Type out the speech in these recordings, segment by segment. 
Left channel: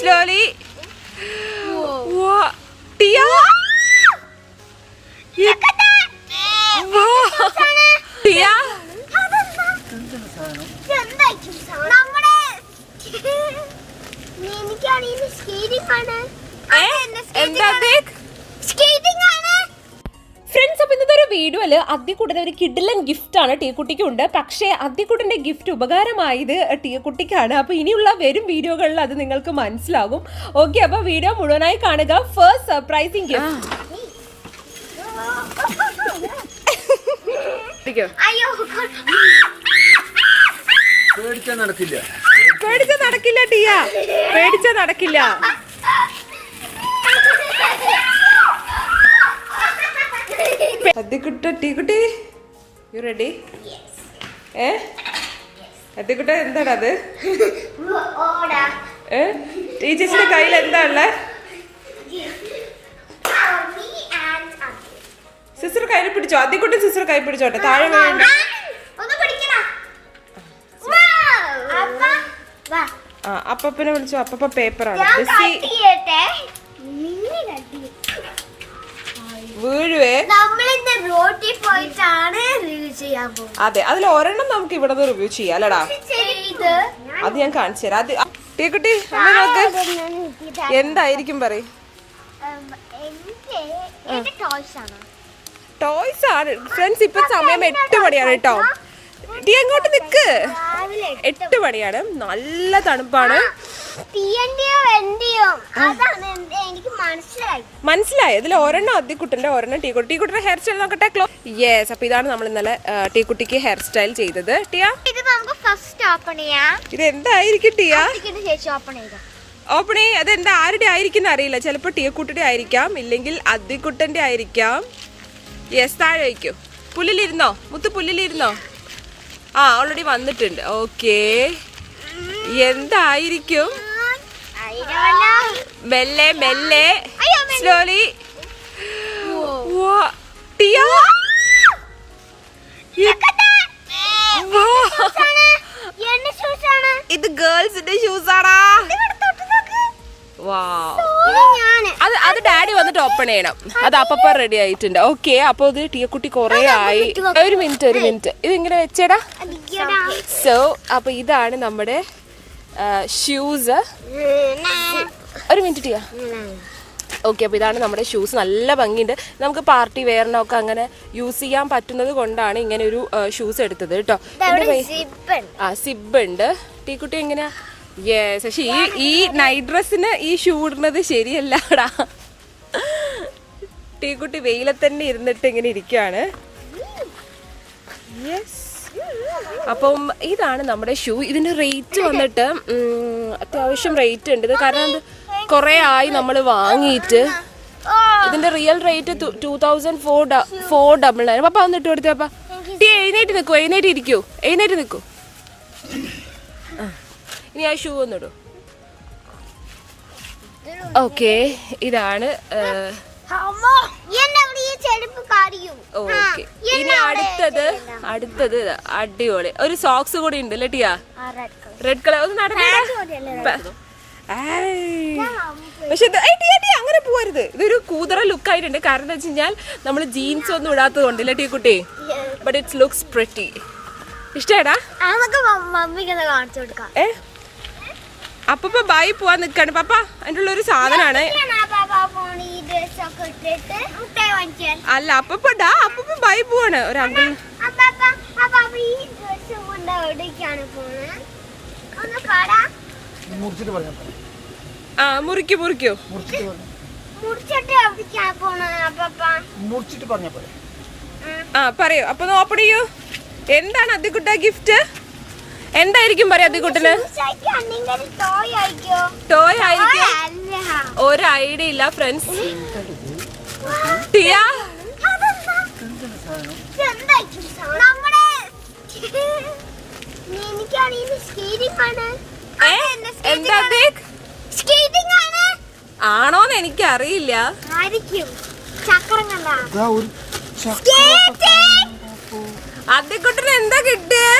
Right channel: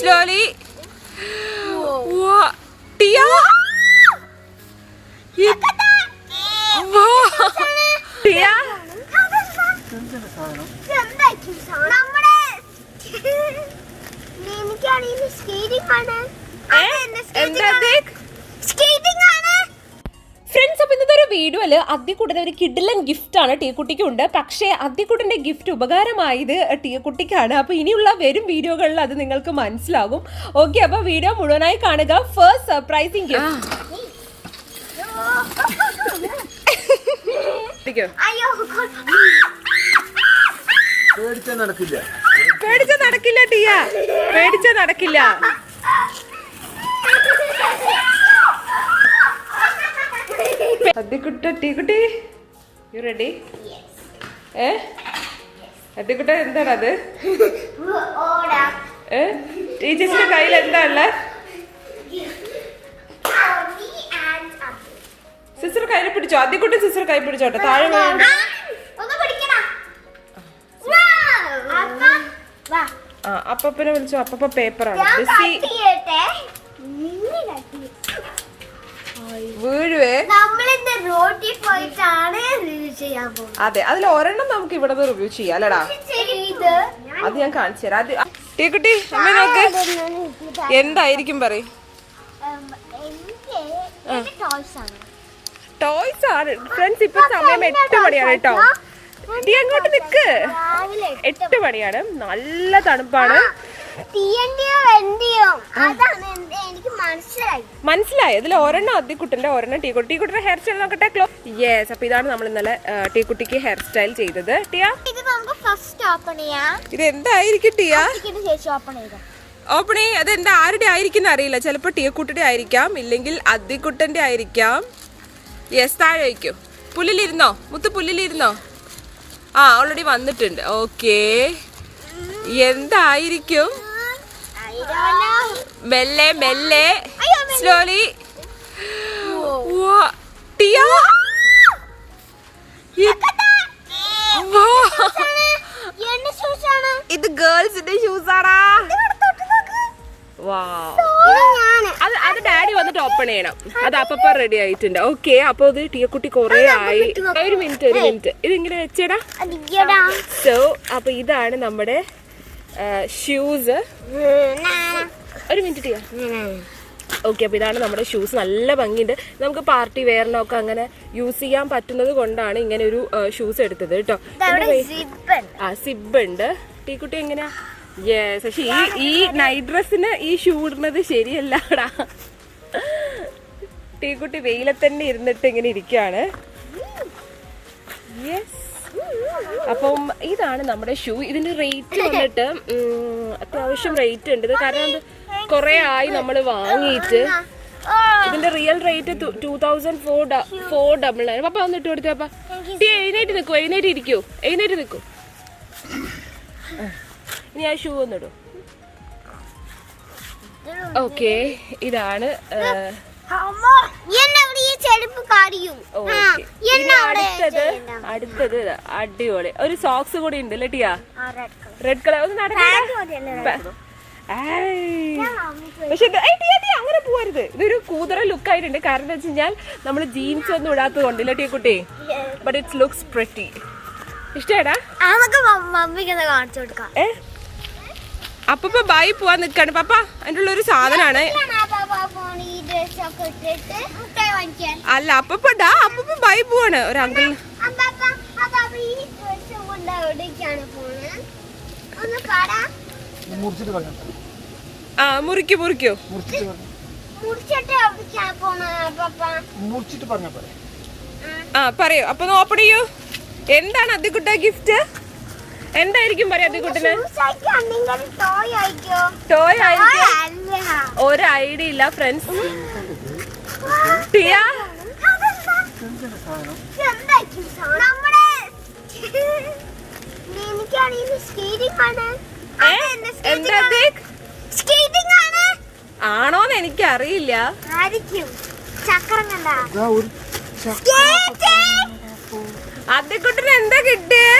Slowly. Wow. Tia. Wow. Tia. Friends, അപ്പോൾ ഇന്നത്തെ ഒരു വീഡിയോയിൽ അദ്ദിക്കുട്ടൻ്റെ ഒരു കിഡിലൻ ഗിഫ്റ്റാണ് ടീക്കുട്ടിക്കുണ്ട്. പക്ഷേ അദ്ദിക്കുട്ടൻ്റെ ഗിഫ്റ്റ് ഉപകാരമായത് ടീക്കുട്ടിക്കാണ്. അപ്പോൾ ഇനിയുള്ള വരും വീഡിയോകളിൽ അത് നിങ്ങൾക്ക് മനസ്സിലാകും. ഓക്കെ, അപ്പോൾ വീഡിയോ മുഴുവനായി കാണുക. First surprising gift. പേടിച്ചാ നടക്കില്ല ടിയ, പേടിച്ചാ നടക്കില്ല. അദ്ദിക്കുട്ട, ടീക്കുട്ടി, യു റെഡി? അദ്ദിക്കുട്ട, എന്താണ് അത്? ടീച്ചേഴ്സിന്റെ കയ്യിൽ എന്താ ഉള്ള? സിസ്റ്റർ കയ്യിൽ പിടിച്ചോ. അദ്ദിക്കുട്ടി സിസ്റ്റർ കൈ പിടിച്ചോട്ടെ. താഴെ വേണ്ട. അപ്പനെ വിളിച്ചോ. അപ്പ പേപ്പറാണ്. വീഴുവേ. അതെ, അതിൽ ഒരെണ്ണം നമുക്ക് ഇവിടെ റിവ്യൂ ചെയ്യാം അല്ലടാ. അത് ഞാൻ കാണിച്ചു തരാം. ടീക്കുട്ടി, അമ്മ നോക്ക്. എന്തായിരിക്കും പറയും? ടോയ്സ് ആണ് ഫ്രണ്ട്സ്. ഇപ്പൊ സമയം 8 മണിയാണ് കേട്ടോ. ടീ എങ്ങോട്ട് നിക്ക്. 8 മണിയാണ്. നല്ല തണുപ്പാണ്. മനസ്സിലായി. ഇതിൽ ഒരെണ്ണം അദ്ദിക്കുട്ടന്റെ, ഒരെണ്ണം ടീക്കുട്ടി. ടീക്കുട്ടിന്റെ ഹെയർ സ്റ്റൈൽ നോക്കട്ടെ. യെസ്, അപ്പൊ ഇതാണ് നമ്മൾ ഇന്നലെ ടീക്കുട്ടിക്ക് ഹെയർ സ്റ്റൈൽ ചെയ്തത്. ടിയ, ഇത് എന്തായിരിക്കും ടിയ? ഓപ്പൺ ചെയ്യ്. അതെന്താ, ആരുടെ ആയിരിക്കും അറിയില്ല. ചിലപ്പോ ടീക്കുട്ടിയുടെ ആയിരിക്കാം, ഇല്ലെങ്കിൽ അദ്ദിക്കുട്ടന്റെ ആയിരിക്കാം. യെസ്, താഴെ വയ്ക്കൂ. പുല്ലിലിരുന്നോ മുത്ത്, പുല്ലിലിരുന്നോ? ഓൾറെഡി വന്നിട്ടുണ്ട്. ഓക്കേ, എന്തായിരിക്കും? മെല്ലെ മെല്ലെ, സ്ലോലി. ടിയ, ഇത് ഗേൾസിന്റെ ഷൂസ് ആടാ. അത് ഡാഡി വന്നിട്ട് ഓപ്പൺ ചെയ്യണം. അത് അപ്പ റെഡി ആയിട്ടുണ്ട്. ഓക്കെ, അപ്പൊ ഇത് ടീക്കുട്ടി കൊറേ ആയി. ഒരു മിനിറ്റ് ഇത് ഇങ്ങനെ വെച്ചേടാ. സോ അപ്പൊ ഇതാണ് നമ്മുടെ ഷൂസ്. ഒരു മിനിറ്റ് ടിയ. ഓക്കെ, അപ്പൊ ഇതാണ് നമ്മുടെ ഷൂസ്. നല്ല ഭംഗിയുണ്ട്. നമുക്ക് പാർട്ടി വെയറിനൊക്കെ അങ്ങനെ യൂസ് ചെയ്യാൻ പറ്റുന്നത് കൊണ്ടാണ് ഇങ്ങനെ ഒരു ഷൂസ് എടുത്തത് കേട്ടോ. സിബ് ഉണ്ട്. ടീക്കുട്ടി എങ്ങനെയാ? യെസ്. പക്ഷെ ഈ നൈറ്റ് ഡ്രസ്സിന് ഈ ഷൂ ഇടുന്നത് ശരിയല്ലടാ. ടീക്കുട്ടി വെയിലത്തന്നെ ഇരുന്നിട്ട് ഇങ്ങനെ ഇരിക്കുകയാണ്. യെസ്. അപ്പം ഇതാണ് നമ്മുടെ ഷൂ. ഇതിന്റെ റേറ്റ് വന്നിട്ട് അത്യാവശ്യം റേറ്റ് ഉണ്ട്. ഇത് കാരണം കുറെ ആയി നമ്മൾ വാങ്ങിയിട്ട്. ഇതിന്റെ റിയൽ റേറ്റ് 2499. പപ്പ വന്നിട്ട് കൊടുത്തപ്പ. എഴുന്നേറ്റ് നിൽക്കൂ, എഴുന്നേറ്റ് നിൽക്കൂ. ഇനി ആ ഷൂ ഒന്നിടും. ഓക്കെ, ഇതാണ്. ഓക്കെ, ഇനി അടുത്തത് അടിപൊളി ഒരു സോക്സ് കൂടി ഉണ്ട് അല്ലേ ടിയ? Red colour. ഒന്ന് നടക്കടാ. പക്ഷെ അങ്ങനെ പോരുത്. ഇതൊരു കൂതറ ലുക്ക് ആയിട്ടുണ്ട്. കാരണം എന്താ വെച്ച് കഴിഞ്ഞാൽ നമ്മൾ ജീൻസ് ഒന്നും ഇടാത്തത് കൊണ്ടില്ല ടീക്കുട്ടി. But it's looks pretty. ഇഷ്ടേടാ? അപ്പ ബൈ പോവാൻ നിക്കാണ് പപ്പ. അതിൻ്റെ ഉള്ള ഒരു സാധനാണ്. അല്ല, അപ്പ ബൈ പോവാണ്. ഒരു അങ്കിൾ. മുറിക്കോ. പറയൂ. അപ്പൊ ഓപ്പൺ ചെയ്യൂ. എന്താണ് അദ്ദിക്കുട്ട ഗിഫ്റ്റ്? എന്തായിരിക്കും പറയാ അദ്ദിക്കുട്ടന്? ടോയ് ആയിരിക്കും. ഒരു ഐഡിയ ഇല്ല ഫ്രണ്ട്സ്. ടിയ, ആണോന്ന് എനിക്കറിയില്ല. അദ്ദിക്കുട്ടന് എന്താ കിട്ടിയേ?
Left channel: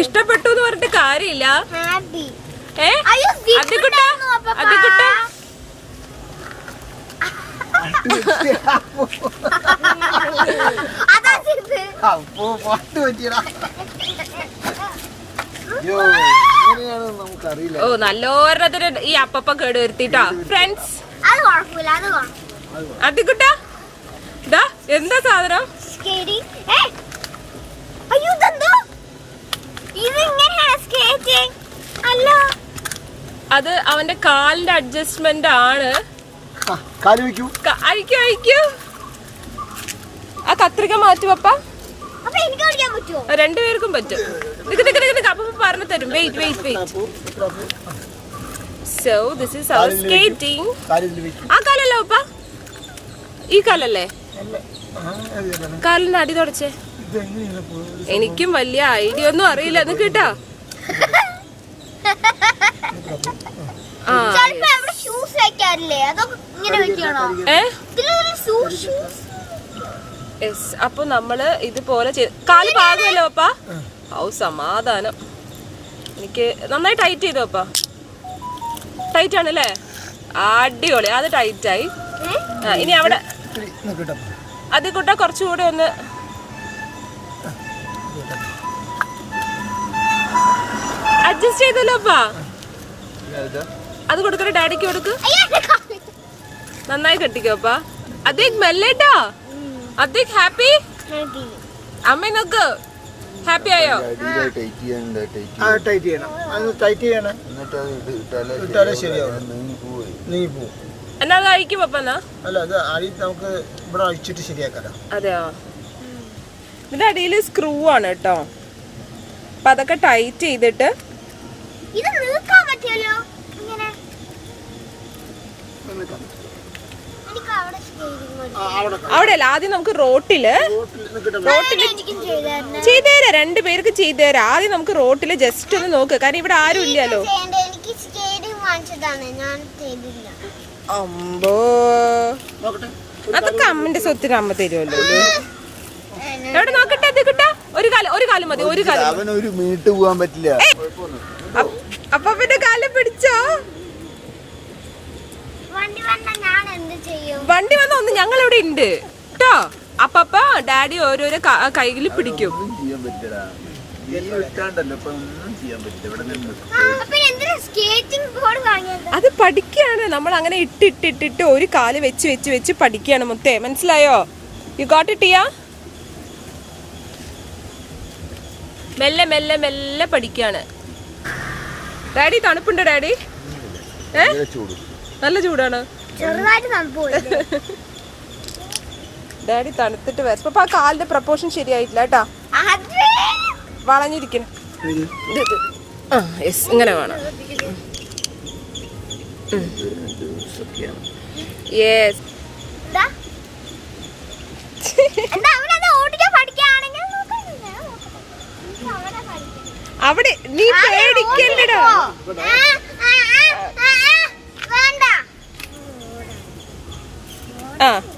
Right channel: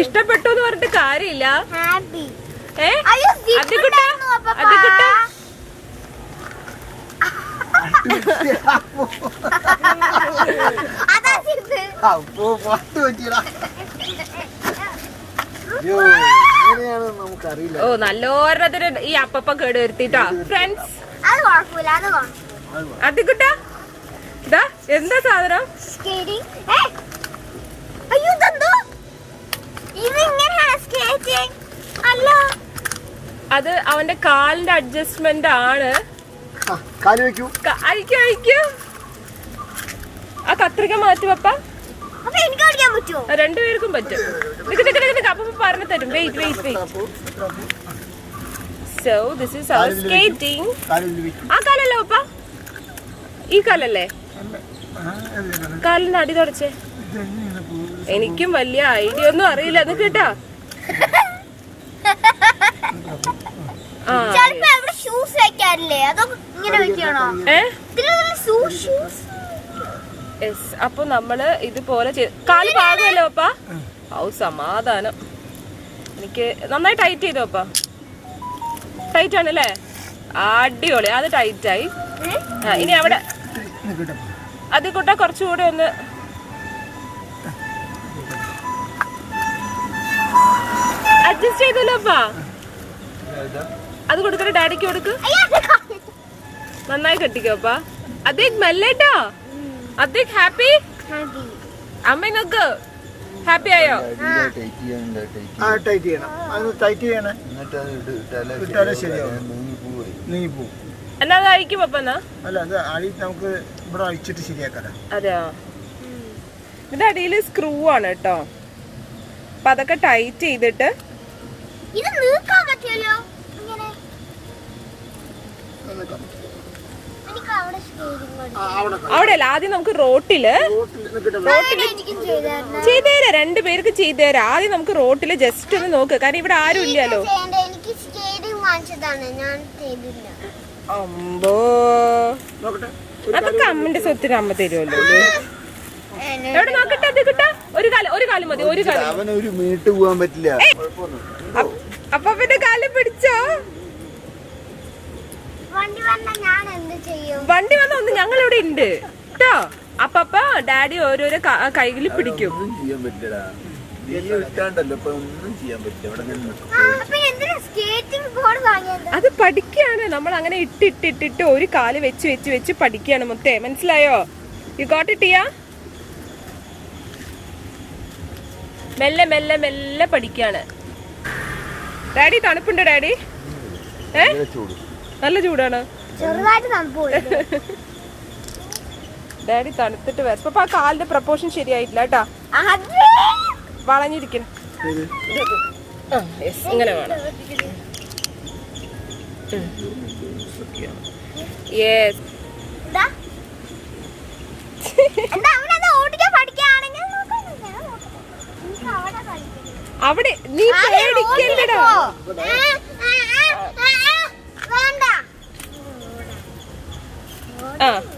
ഇഷ്ടപ്പെട്ടു എന്ന് പറഞ്ഞിട്ട് കാര്യമില്ല. അതിക്കുട്ട അതിക്കുട്ട ഓ നല്ലോരത്തിന് ഈ അപ്പപ്പ കേട് വരുത്തിട്ടാ ഫ്രണ്ട്സ്. അതിക്കുട്ട ഇതാ എന്താ സാധനം? അത് അവന്റെ കാലിന്റെ അഡ്ജസ്റ്റ്മെന്റ് ആണ്. അഴിക്കൂ. ആ കത്രിക മാറ്റുവപ്പ. രണ്ടുപേർക്കും പറ്റും. അപ്പൊ പറഞ്ഞു തരും. Wait. So this is our skating. ആ കാലല്ലോ അപ്പ? ഈ കാലല്ലേ? കാലിന്റെ അടി തുടച്ചേ. എനിക്കും വലിയ ഐഡിയ ഒന്നും അറിയില്ല. എന്ന് കേട്ടാ അപ്പൊ നമ്മള് ഇതുപോലെ കാല് പാകമല്ലോ അപ്പ? ഔ സമാധാനം. എനിക്ക് നന്നായി ടൈറ്റ് ചെയ്തോ അപ്പ? ടൈറ്റ് ആണല്ലേ? അടിപൊളി. അത് ടൈറ്റായി. ഇനി അവിടെ അത് കൂട്ട കുറച്ചുകൂടെ ഒന്ന് അഡ്ജസ്റ്റ് ചെയ്തല്ലോ അപ്പ. അത് കൊടുക്കണ ഡാഡിക്ക് കൊടുക്ക്. നന്നായി കെട്ടിക്കോ അപ്പ. അതേക്ക് മെല്ലേട്ടാ. അതേക്ക് ഹാപ്പി. അമ്മ നോക്ക്. ഹാപ്പി ആയോ? എന്നാ അത് അഴിക്കും അപ്പ? എന്നാ അതെയോ? ഇതിന്റെ അടിയിൽ സ്ക്രൂ ആണ് കേട്ടോ. അപ്പൊ അതൊക്കെ ടൈറ്റ് ചെയ്തിട്ട് അവിടെ അല്ല. ആദ്യം നമുക്ക് റോട്ടില് ചെയ്തേരാ. രണ്ടുപേർക്ക് ചെയ്തേരാ. ആദ്യം നമുക്ക് റോട്ടില് ജസ്റ്റ് ഒന്ന് നോക്ക്. കാരണം ഇവിടെ ആരും ഇല്ലല്ലോ. അമ്പോ അതൊക്കെ അമ്മന്റെ സ്വത്തിന് അമ്മ തരുമല്ലോ. എവിടെ നോക്കട്ടെ. അത് കിട്ടാ. ഒരു കാലം മതി. ഒരു കാലം. അപ്പൊ പിന്നെ കാലം പിടിച്ചോ. വണ്ടി വന്ന ഒന്ന് ഞങ്ങൾ ഇവിടെ ഉണ്ട് കേട്ടോ. അപ്പ ഡാഡി ഓരോരോ കൈകളിൽ പിടിക്കും. അത് പഠിക്കുകയാണ് നമ്മൾ. അങ്ങനെ ഇട്ടിട്ടിട്ടിട്ട് ഒരു കാല് വെച്ച് പഠിക്കുകയാണ് മുത്തേ. മനസ്സിലായോ? You got it. ടിയാ മെല്ലെ മെല്ലെ മെല്ലെ പഠിക്കാണ്. ഡാഡി തണുപ്പുണ്ട് ഡാഡി? നല്ല ചൂടാണ്. ഡാഡി തണുത്തിട്ട് വരപ്പ ആ കാലിന്റെ പ്രപ്പോർഷൻ ശരിയായിട്ടില്ല കേട്ടാ. വളഞ്ഞിരിക്കും. ഇങ്ങനെ വേണം. യെസ്. അവിടെ നീ പേടിക്കണ്ടടാ.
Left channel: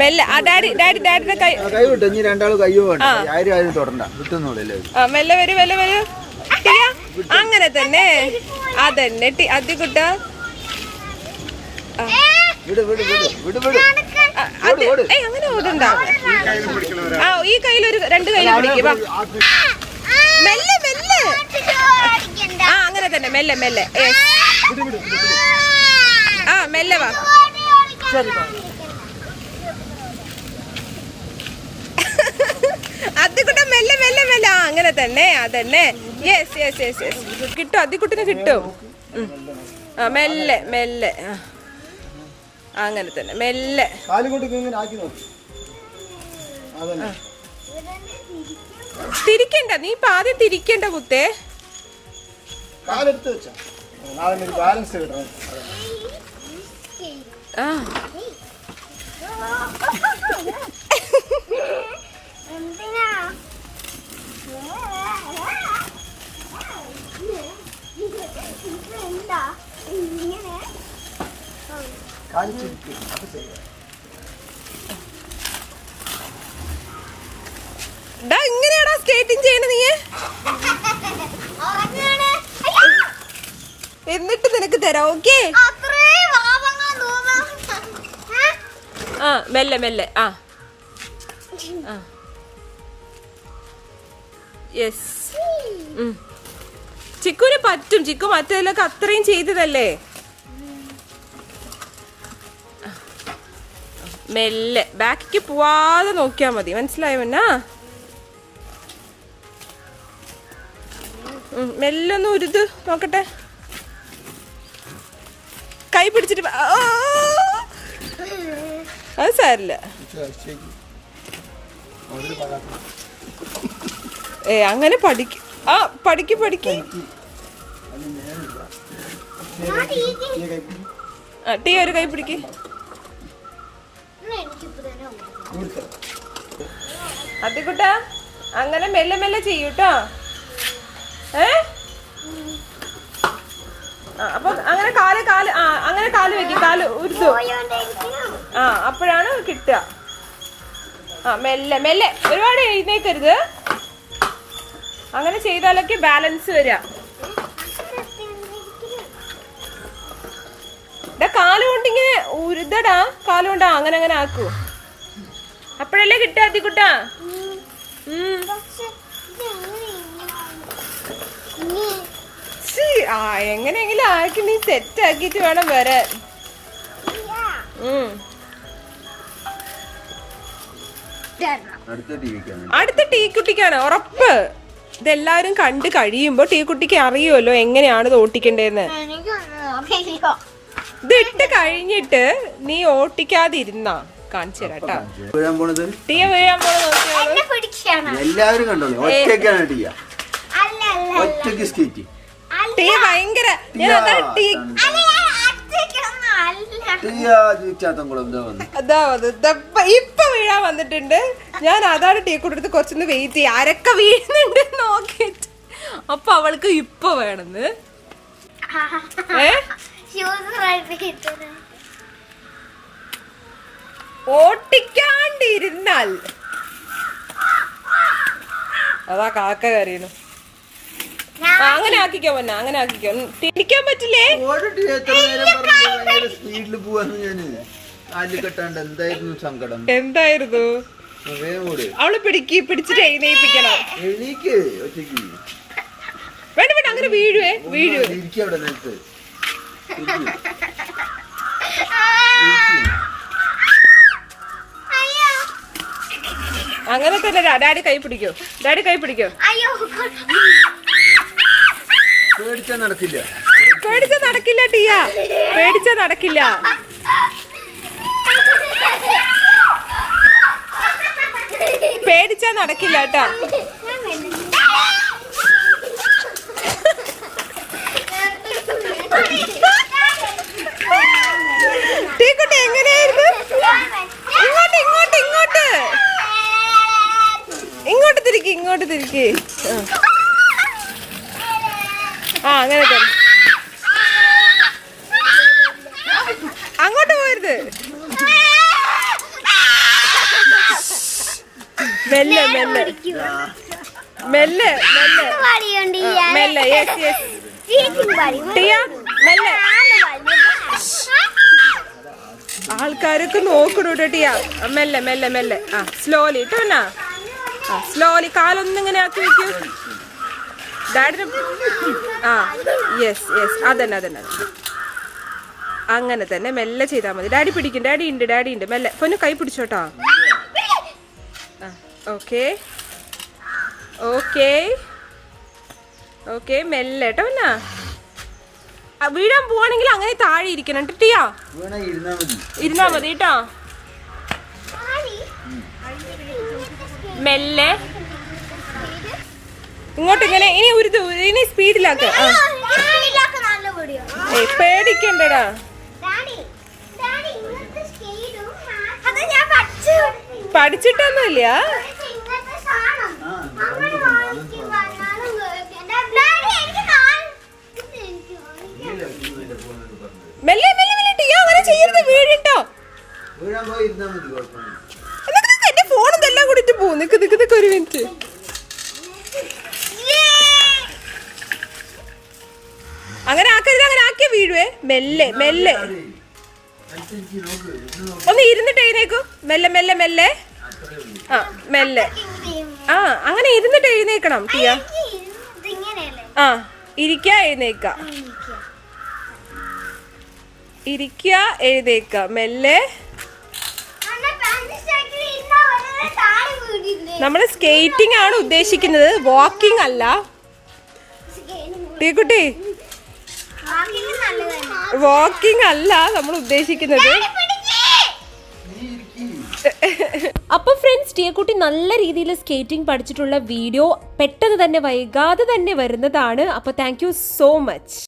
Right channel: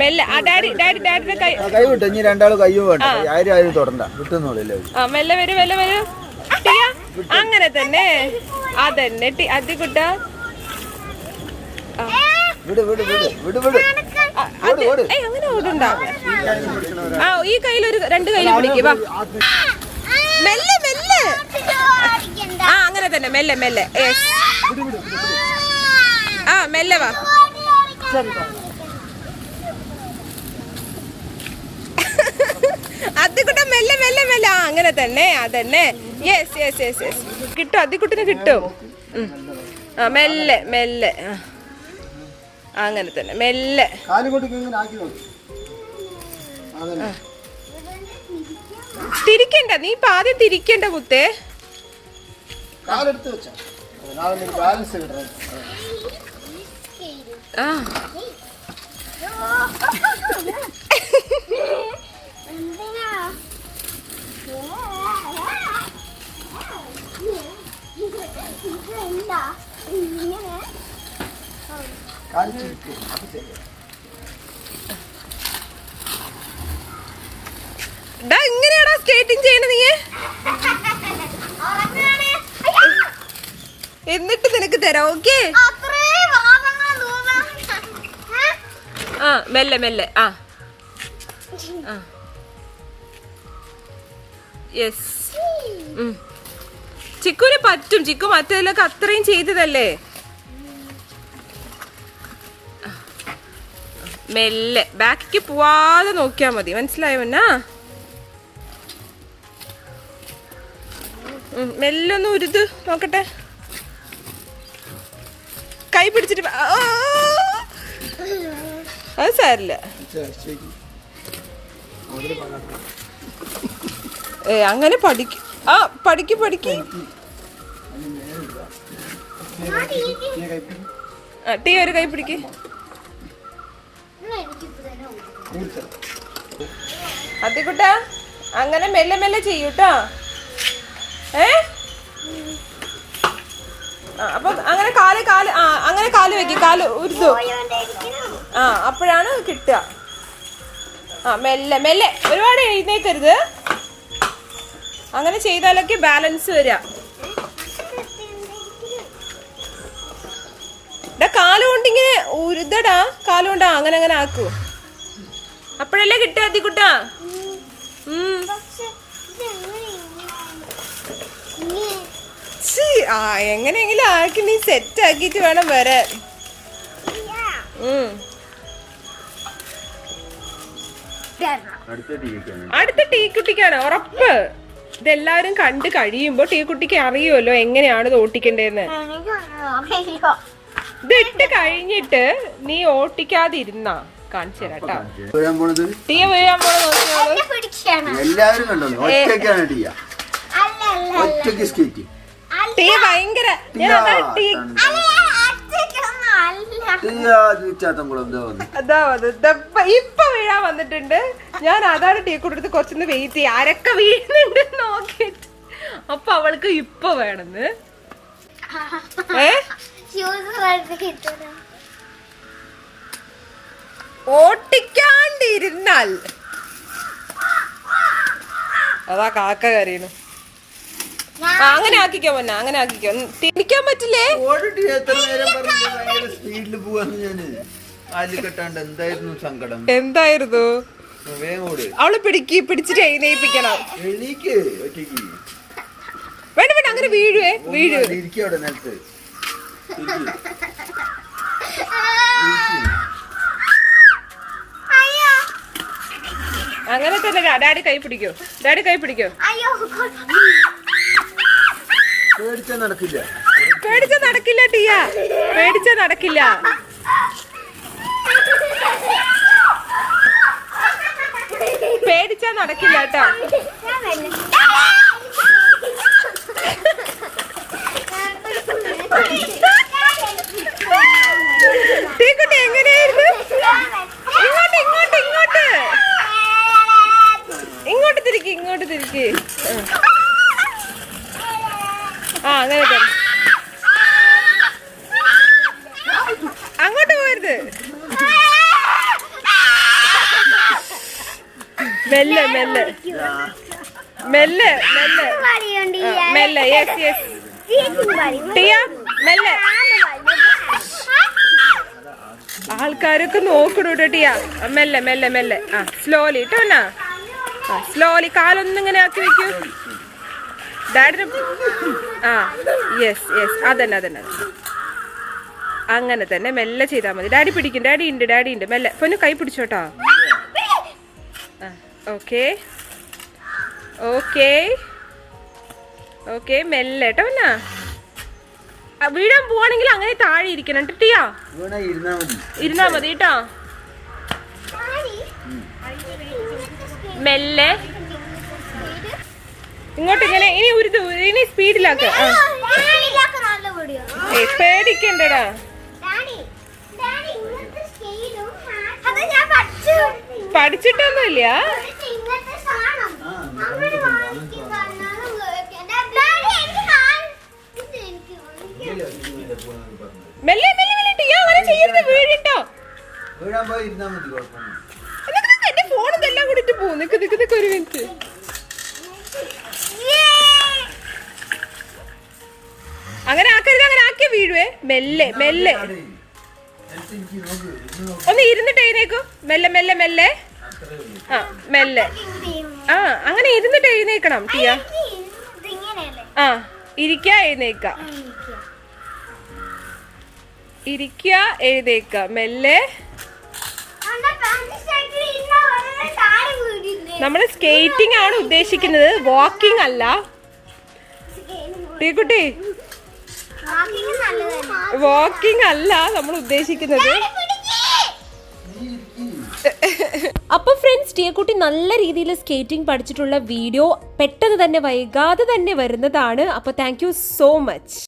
മെല്ലെ. ഡാഡിയുടെ കൈ വിട്ടു. ഇനി രണ്ടാളും കയ്യും വേണ്ട. ആരും തൊടണ്ട. മെല്ലെ വരൂ. അങ്ങനെ തന്നെ. അതന്നെ അതികുട്ട. അങ്ങനെ ഓടണ്ട. ഈ കയ്യിൽ രണ്ട് കയ്യിൽ പിടിക്കുക. മെല്ലെ. അങ്ങനെ തന്നെ. മെല്ലെ. മെല്ലെ വാ. അതിക്കുട്ട മെല്ലെ. അങ്ങനെ തന്നെ. അതന്നെ. യെസ്. കിട്ടും. അതിക്കുട്ടിന് കിട്ടും. മെല്ലെ. അങ്ങനെ തന്നെ. മെല്ലെ. തിരിക്കണ്ട. നീ ആദ്യം തിരിക്കണ്ട മുത്തേ. ഇങ്ങനെയാടാ ആക്ടിങ് ചെയ്യണ നീ? എന്നിട്ട് നിനക്ക് തരാം. ഓക്കെ ആ മെല്ലെ മെല്ലെ. ആ യെസ്. ചിക്കുവിന് പറ്റും. ചിക്കു മറ്റേതിലൊക്കെ അത്രയും ചെയ്തതല്ലേ. മെല്ലെ ബാക്കിക്ക് പോവാതെ നോക്കിയാ മതി. മനസ്സിലായോ? എന്നാ മെല്ലെ ഒന്ന് ഉരുത് നോക്കട്ടെ. കൈ പിടിച്ചിട്ട് അത് സാരില്ല. അങ്ങനെ പഠിക്കും. ആ പഠിക്ക്. ടീ ഒരു കൈ പിടിക്ക്. അതിക്കുട്ടാ അങ്ങനെ മെല്ലെ മെല്ലെ ചെയ്യൂട്ടോ. അപ്പൊ അങ്ങനെ കാല് അങ്ങനെ കാല് വെക്കും. കാല് ഉരുതു. അപ്പോഴാണ് കിട്ടുക. മെല്ലെ മെല്ലെ. ഒരുപാട് എഴുന്നേക്കരുത്. അങ്ങനെ ചെയ്താലൊക്കെ ബാലൻസ് വരിക. കാലുകൊണ്ടിങ്ങനെ ഉരുതടാ. കാലുകൊണ്ടാ അങ്ങനെ അങ്ങനെ ആക്കൂ. അപ്പോഴല്ലേ കിട്ടുക അതിക്കുട്ടാ. എങ്ങനെയെങ്കിലും ആക്കി നീ സെറ്റ് ആക്കിട്ട് വേണം വരാൻ. അടുത്ത ടീക്കുട്ടിക്കാണ് ഉറപ്പ്. ഇതെല്ലാവരും കണ്ടു കഴിയുമ്പോ ടീക്കുട്ടിക്ക് അറിയുമല്ലോ എങ്ങനെയാണ് ഇത് ഓട്ടിക്കേണ്ടതെന്ന്. ഇതിട്ട് കഴിഞ്ഞിട്ട് നീ ഓട്ടിക്കാതിരുന്നാ കാണിച്ചു തരാട്ടാ. ടീ വീഴാൻ പോണ നോക്കിയോളൂ. ടീ ഭയങ്കര ഇപ്പൊ വീഴാൻ വന്നിട്ടുണ്ട്. ഞാൻ അതാണ് ടീ കൊടുത്ത് കുറച്ചൊന്ന് വെയിറ്റ് ചെയ്യാം. ആരൊക്കെ വീഴുന്നുണ്ട് നോക്കിട്ട്. അപ്പൊ അവൾക്ക് ഇപ്പൊ വേണമെന്ന്. ഓട്ടിക്കാണ്ടിരുന്നാൽ അതാ കാക്ക കരയുന്നു. അങ്ങനെ ആക്കിക്കോ പൊന്ന. അങ്ങനെ ആക്കിക്കോ. തിരിക്കാൻ പറ്റില്ലേ? എന്തായിരുന്നു? അവള് പിടിച്ചിട്ട് എഴുന്നേൽപ്പിക്കണം. വേണ്ട വേണ്ട അങ്ങനെ വീഴുവേ. അങ്ങനെ തന്നെ. ഡാഡി കൈ പിടിക്കോ. പേടിച്ചാ നടക്കില്ല ടിയ. പേടിച്ചാ നടക്കില്ല. പേടിച്ചാ നടക്കില്ല കേട്ടോ. ടീക്കുട്ടി എങ്ങനെയായിരുന്നു? ഇങ്ങോട്ട് തിരിക്ക്. അങ്ങനെ തന്നെ. അങ്ങോട്ട് പോരുത്. മെല്ലെ. യെസ്. ടിയ മെല്ലെ. ആൾക്കാരൊക്കെ നോക്കണോട്ടോ ടിയ. മെല്ലെ. സ്ലോലി ഇട്ടോന്നാ. സ്ലോലി കാലൊന്നിങ്ങനെ ആക്കി വെക്കൂ. ഡാഡിന് യെസ്. അതന്നെ. അങ്ങനെ തന്നെ മെല്ലെ ചെയ്താൽ മതി. ഡാഡി പിടിക്കും. ഡാഡി ഉണ്ട്. മെല്ലെ പൊന്നു കൈ പിടിച്ചോട്ടോ. ഓക്കെ മെല്ലെ കേട്ടോ. എന്നാ വീഴാൻ പോവാണെങ്കിൽ അങ്ങനെ താഴെ ഇരിക്കണം ടിയാ. ഇരുന്നാ മതി കേട്ടോ. മെല്ലെ ഇങ്ങോട്ട് ഇങ്ങനെ. ഇനി ഉരുതു. ഇനി സ്പീഡിലാക്ക. പേടിക്കണ്ടടാ. പഠിച്ചിട്ടൊന്നുമില്ല. മെല്ലെ ടിയാ. അങ്ങനെ ചെയ്യരുത്. വീഴിട്ടോ. എന്റെ ഫോൺ ഇതെല്ലാം കൂടിട്ട് പോകും. നിക്ക് ഒരു മിനിറ്റ്. അങ്ങനെ ആക്കരുത്, അങ്ങനെ ആക്കിയ വീഴുവേ. മെല്ലെ മെല്ലെ ഒന്ന് ഇരുന്നിട്ട് എഴുന്നേക്കൂ. മെല്ലെ മെല്ലെ മെല്ലെ. ആ മെല്ലെ. ആ അങ്ങനെ ഇരുന്നിട്ട് എഴുന്നേക്കണം ടിയ. ആ ഇരിക്ക എഴുന്നേക്ക, ഇരിക്ക എഴുന്നേക്ക മെല്ലെ. നമ്മള് സ്കേറ്റിംഗ് ആണ് ഉദ്ദേശിക്കുന്നത്, വാക്കിംഗ് അല്ല ടീക്കുട്ടി. വാക്കിംഗ് അല്ല നമ്മൾ ഉദ്ദേശിക്കുന്നത്. അപ്പൊ ഫ്രണ്ട്സ്, ടിയക്കുട്ടി നല്ല രീതിയിൽ സ്കേറ്റിംഗ് പഠിച്ചിട്ടുള്ള വീഡിയോ പെട്ടെന്ന് തന്നെ വൈകാതെ തന്നെ വരുന്നതാണ്. അപ്പൊ താങ്ക് യു സോ മച്ച്.